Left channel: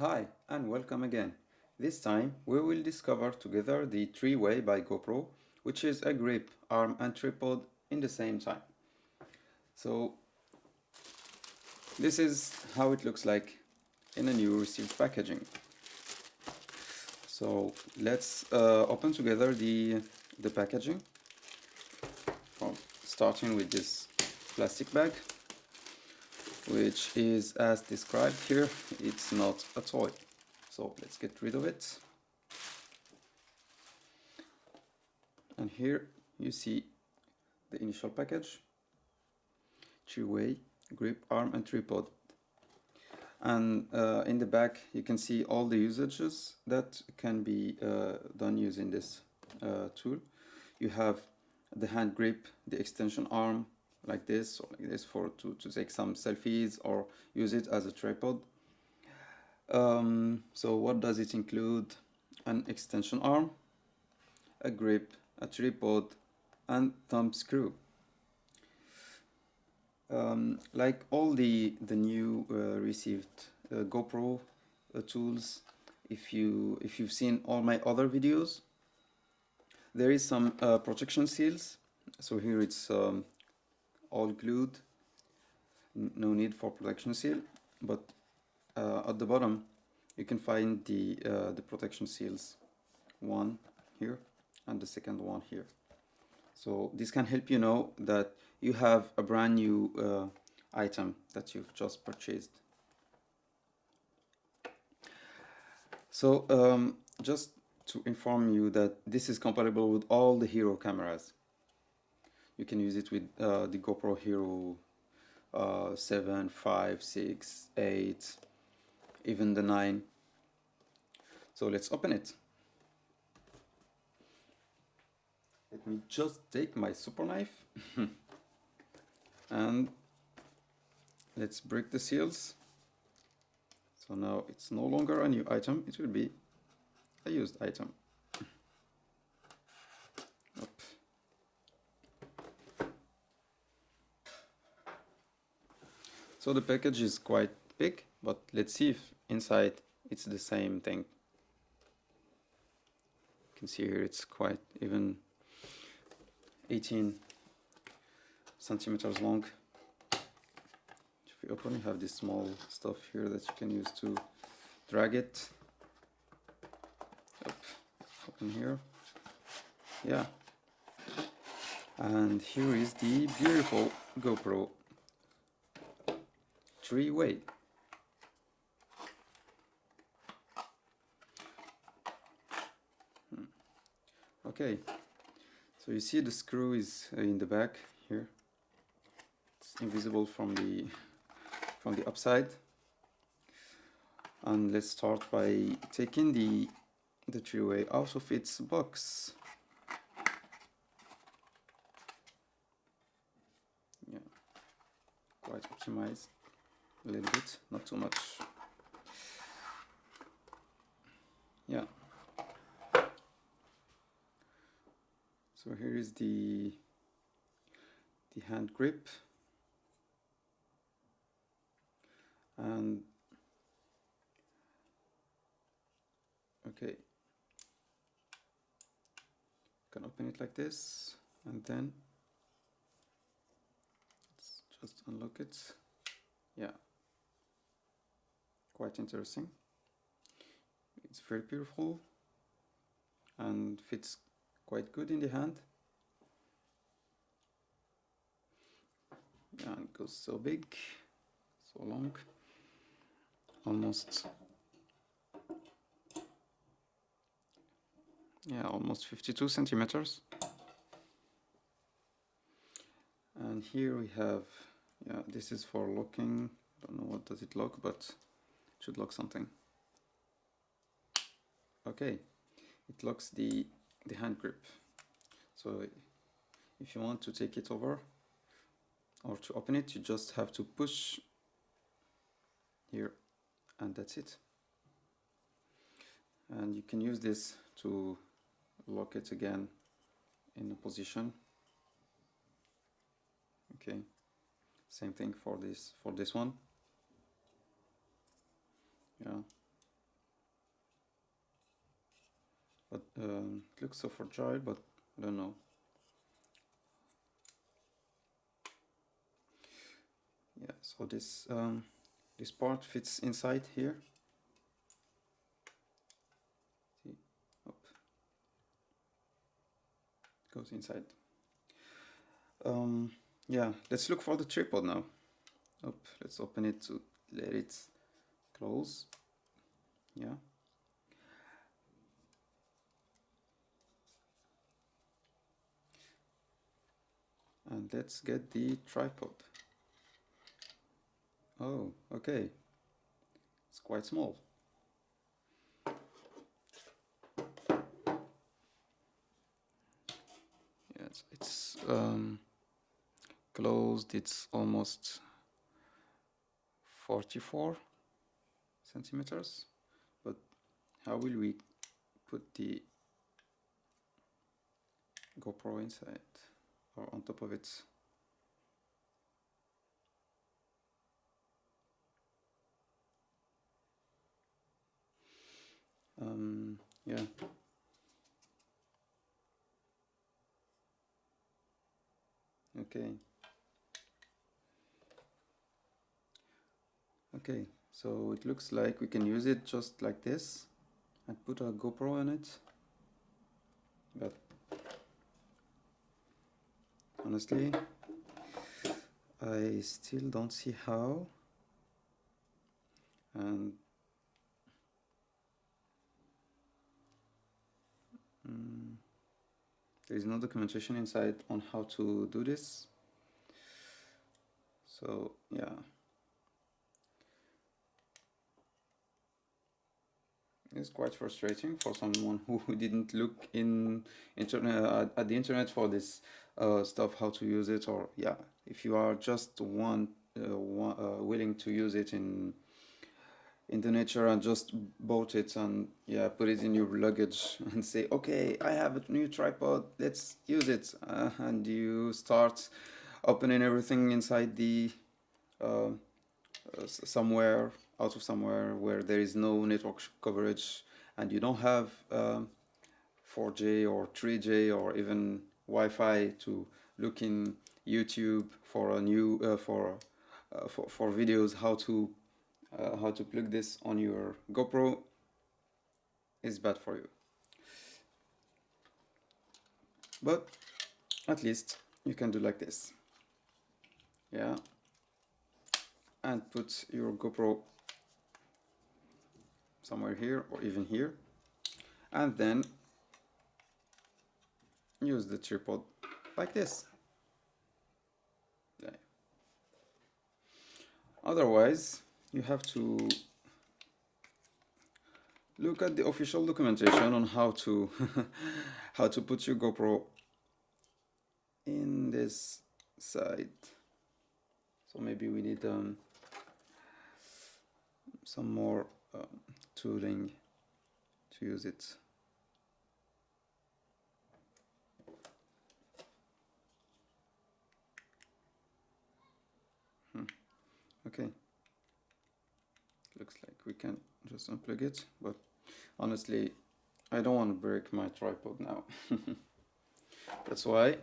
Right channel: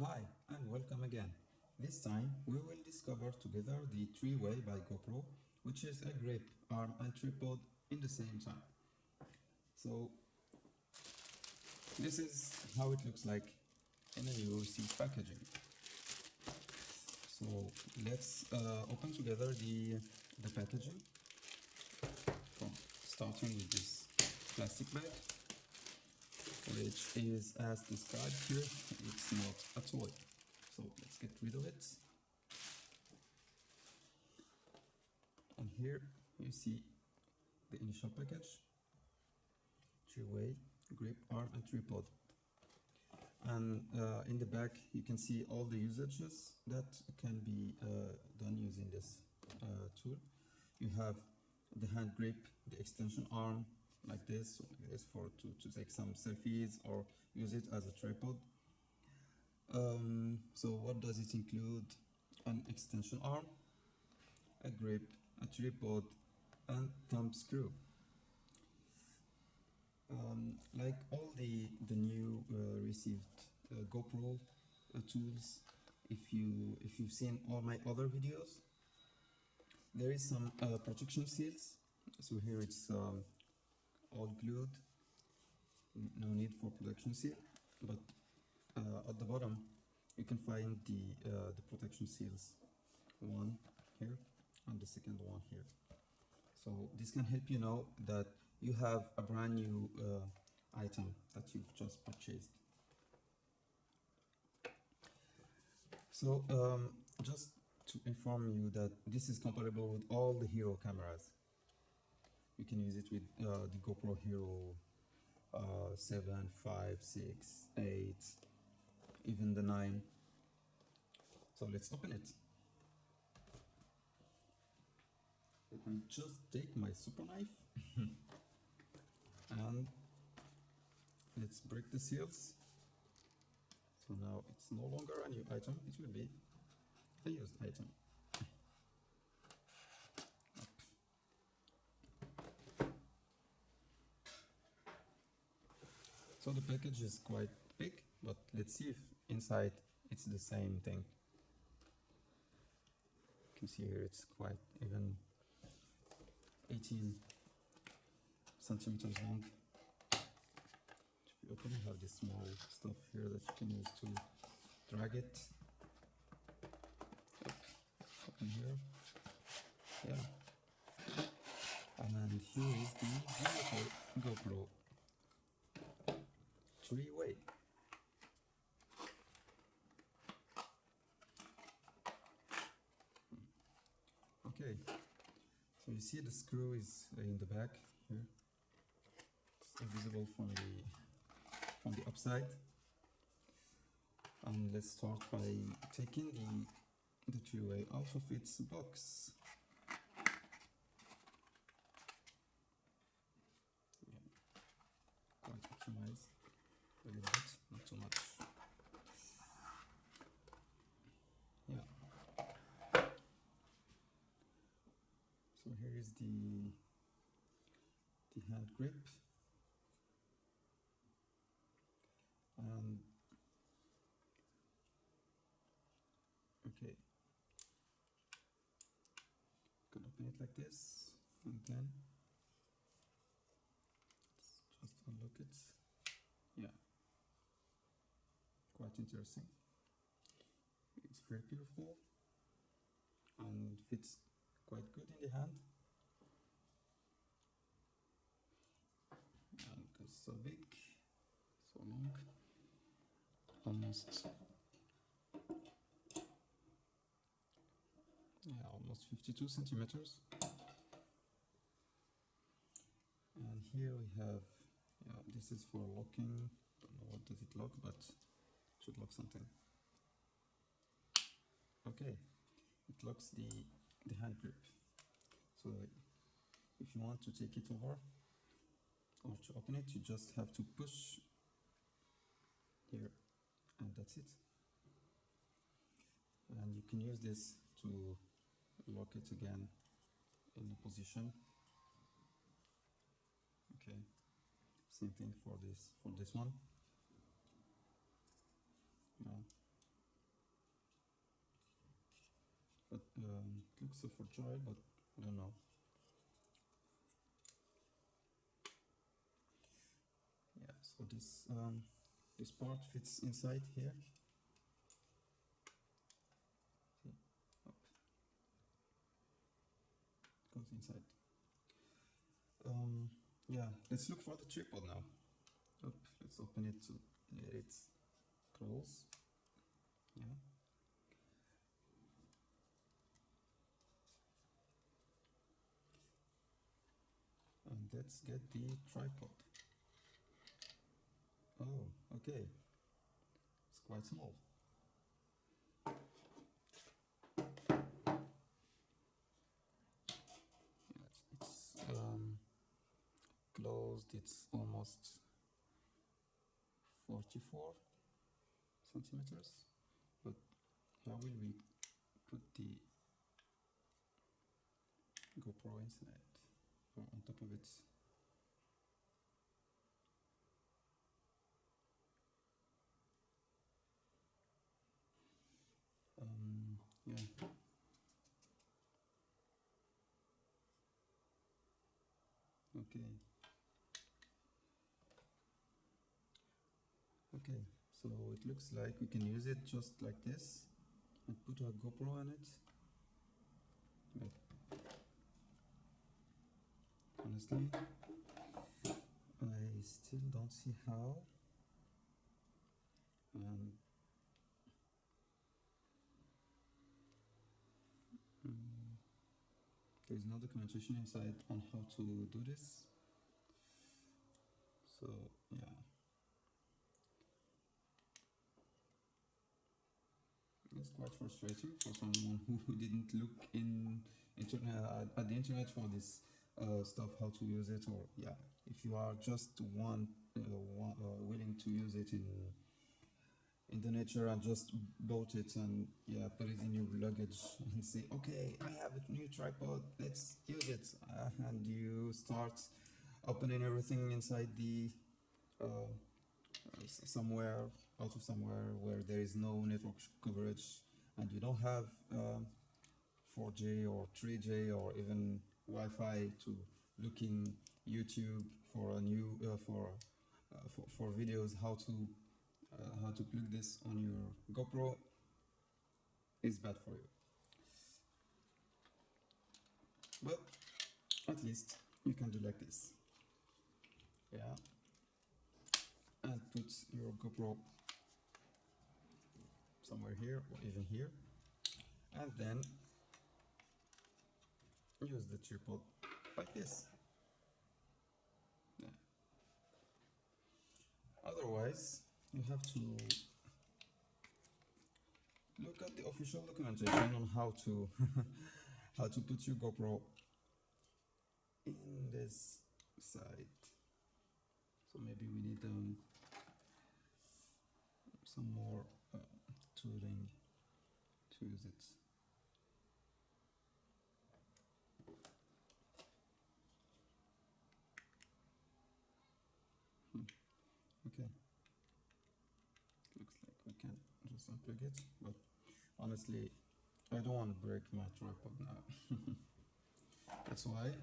Hi and welcome again. This time we will discover together the three-way by GoPro, which is a grip, arm and tripod in the same time. So this is how it looks like in a new received packaging. So let's open together the packaging, from starting with this plastic bag, which is as described here. It's not a toy. So let's get rid of it. And here you see the initial package, three-way, grip, arm and tripod. And in the back you can see all the usages that can be done using this tool. You have the hand grip, the extension arm like this or like this to take some selfies or use it as a tripod. So what does it include? An extension arm, a grip, a tripod and thumb screw. Like all the new received GoPro tools, if you've seen all my other videos, there is some protection seals. So here it's all glued, no need for protection seal, but at the bottom you can find the protection seals, one here and the second one here. So this can help you know that you have a brand new item that you've just purchased. So just to inform you that this is compatible with all the Hero cameras. You can use it with the GoPro Hero 7, 5, 6, 8, even the 9. So let's open it. Let me just take my super knife and let's break the seals. So now it's no longer a new item, it will be a used item. Up. So the package is quite big, but let's see if inside it's the same thing. You can see here it's quite even 18 centimeters long. If you open, you have this small stuff here that you can use to drag it. Up. Open here. Yeah. And here is the beautiful GoPro three-way. Okay, so you see the screw is in the back here. It's invisible from the upside. And let's start by taking the three-way out of its box. Yeah, quite optimized. A little bit, not too much. Yeah. So here is the hand grip, and okay, you can open it like this, and then let's just unlock it. Yeah, quite interesting. It's very beautiful and fits quite good in the hand. And it goes so big, so long, almost 52 centimeters. And here we have, this is for locking. Don't know what does it lock, but it should lock something. Okay, it locks the hand grip. So if you want to take it over or to open it, you just have to push here, and that's it. And you can use this to lock it again in a position. Okay, same thing for this one. Yeah, It looks so fragile, but I don't know. Yeah, so this part fits inside here. See, up, it goes inside. Yeah, let's look for the tripod now. Let's open it to let it close. Yeah. And let's get the tripod. Oh, okay. It's quite small. Yeah, it's closed. It's almost 44 centimeters. But how will we put the GoPro inside or on top of it? Yeah. Okay. Okay, so it looks like we can use it just like this and put a GoPro on it. But honestly, I still don't see how. And there is no documentation inside on how to do this. So yeah. It's quite frustrating for someone who didn't look in internet at the internet for this stuff, how to use it, or yeah, if you are just willing to use it in the nature and just bought it and yeah, put it in your luggage and say, okay, I have a new tripod, let's use it, and you start opening everything inside the somewhere out of somewhere where there is no network coverage and you don't have 4G or 3G or even Wi-Fi to look in YouTube for a new for videos how to plug this on your GoPro is bad for you. But at least you can do like this. Yeah. And put your GoPro somewhere here or even here. And then use the tripod like this. Yeah. Otherwise, you have to look at the official documentation on how to how to put your GoPro in this side. So maybe we need some more tooling to use it. Okay. Looks like we can just unplug it, but honestly, I don't want to break my tripod now. That's why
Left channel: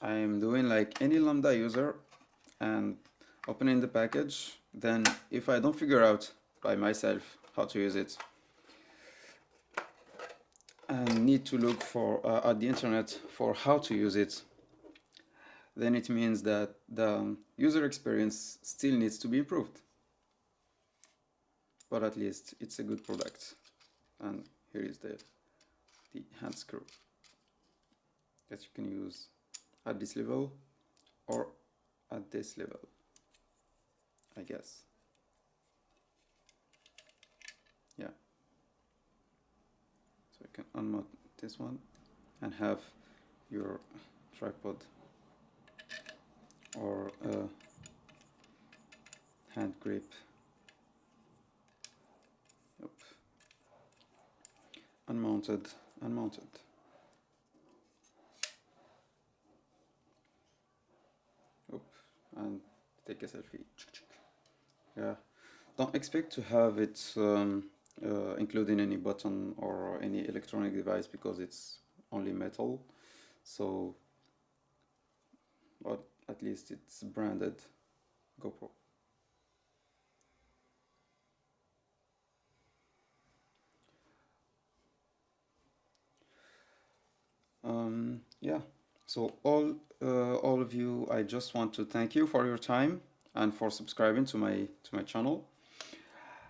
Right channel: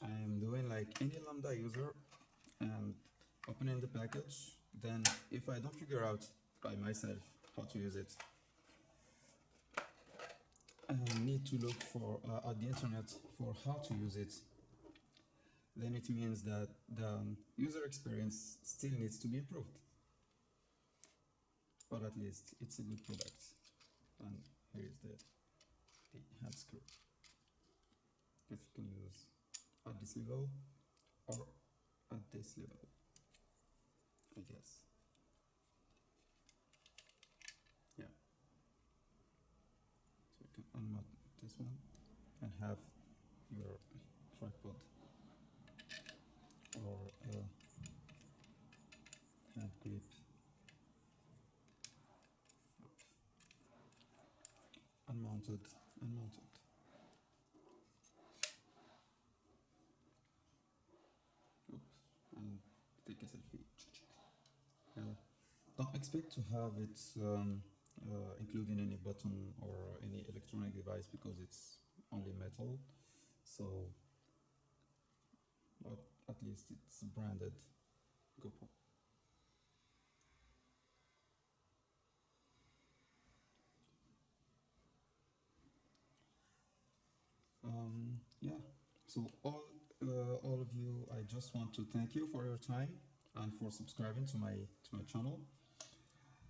I'm doing like any Lambda user and opening the package. Then if I don't figure out by myself how to use it and need to look for at the internet for how to use it, then it means that the user experience still needs to be improved. But at least it's a good product. And here is the hand screw that you can use at this level or at this level, I guess. Yeah. So you can unmount this one and have your tripod or hand grip. Yep. Unmounted. Oop. And take a selfie. Yeah. Don't expect to have it including any button or any electronic device, because it's only metal. So, but at least it's branded GoPro. Yeah, so all of you, I just want to thank you for your time and for subscribing to my channel.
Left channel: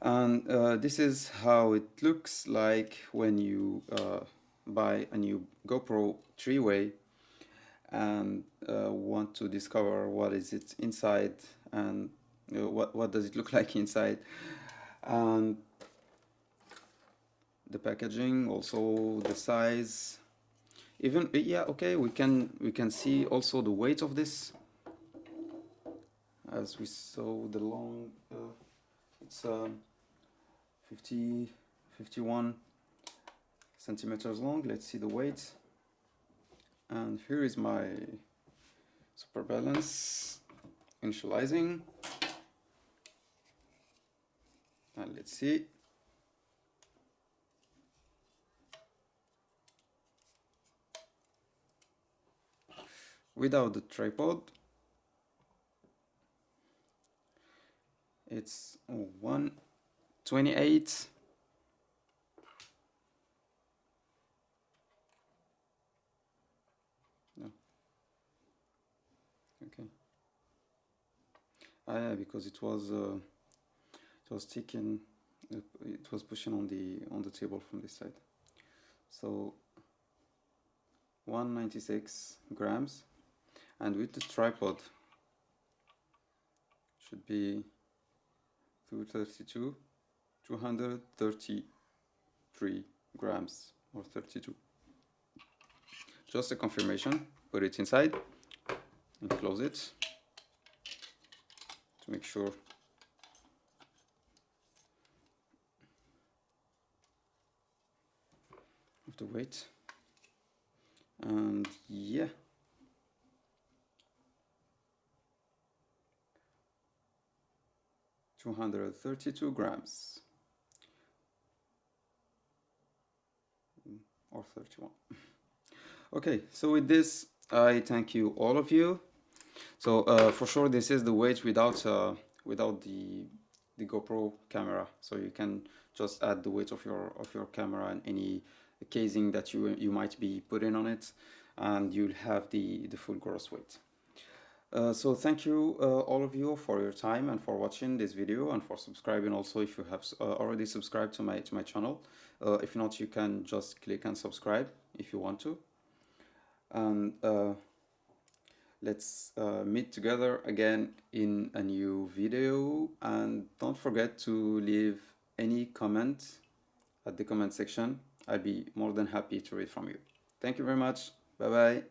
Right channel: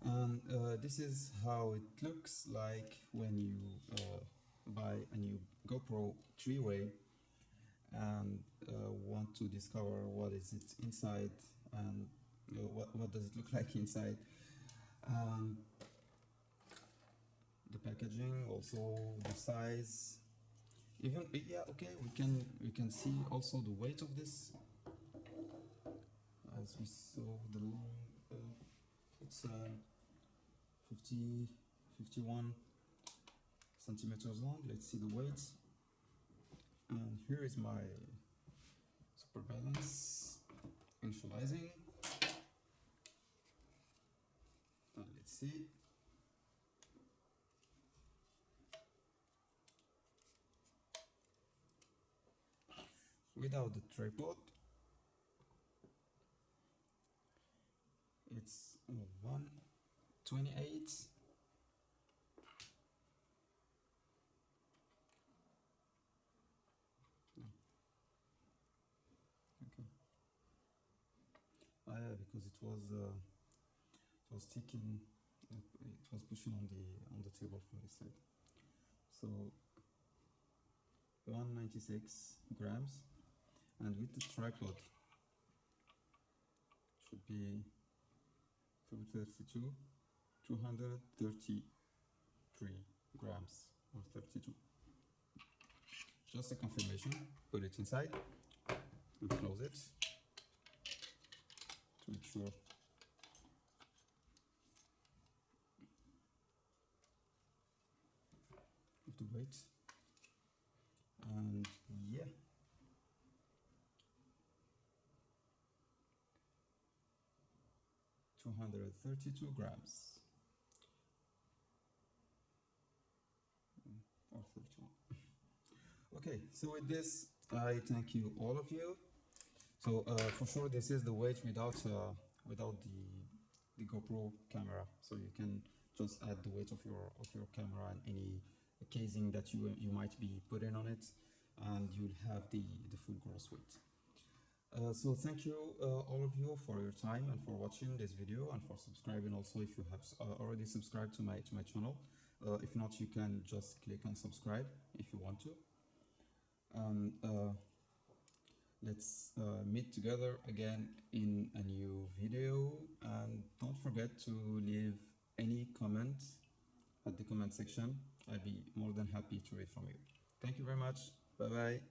And this is how it looks like when you buy a new GoPro 3-way and want to discover what is it inside, and what does it look like inside, and the packaging, also the size. Even yeah, okay, we can see also the weight of this, as we saw the long it's 50 51 centimeters long. Let's see the weight. And here is my super balance initializing, and let's see. Without the tripod, it's 128. No. Okay. Yeah, because it was taken, it was pushing on the table from this side. So 196 grams, and with the tripod should be 233 grams, or 32. Just a confirmation. Put it inside and close it to make sure. Of the weight. And yeah, 232 grams, or 31. Okay, so with this, I thank you, all of you. So for sure, this is the weight without the GoPro camera. So you can just add the weight of your camera and any casing that you might be putting on it, and you'll have the full gross weight. So thank you, all of you, for your time and for watching this video, and for subscribing also if you have already subscribed to my channel. If not, you can just click and subscribe if you want to. And let's meet together again in a new video. And don't forget to leave any comment at the comment section. I'll be more than happy to read from you. Thank you very much. Bye bye.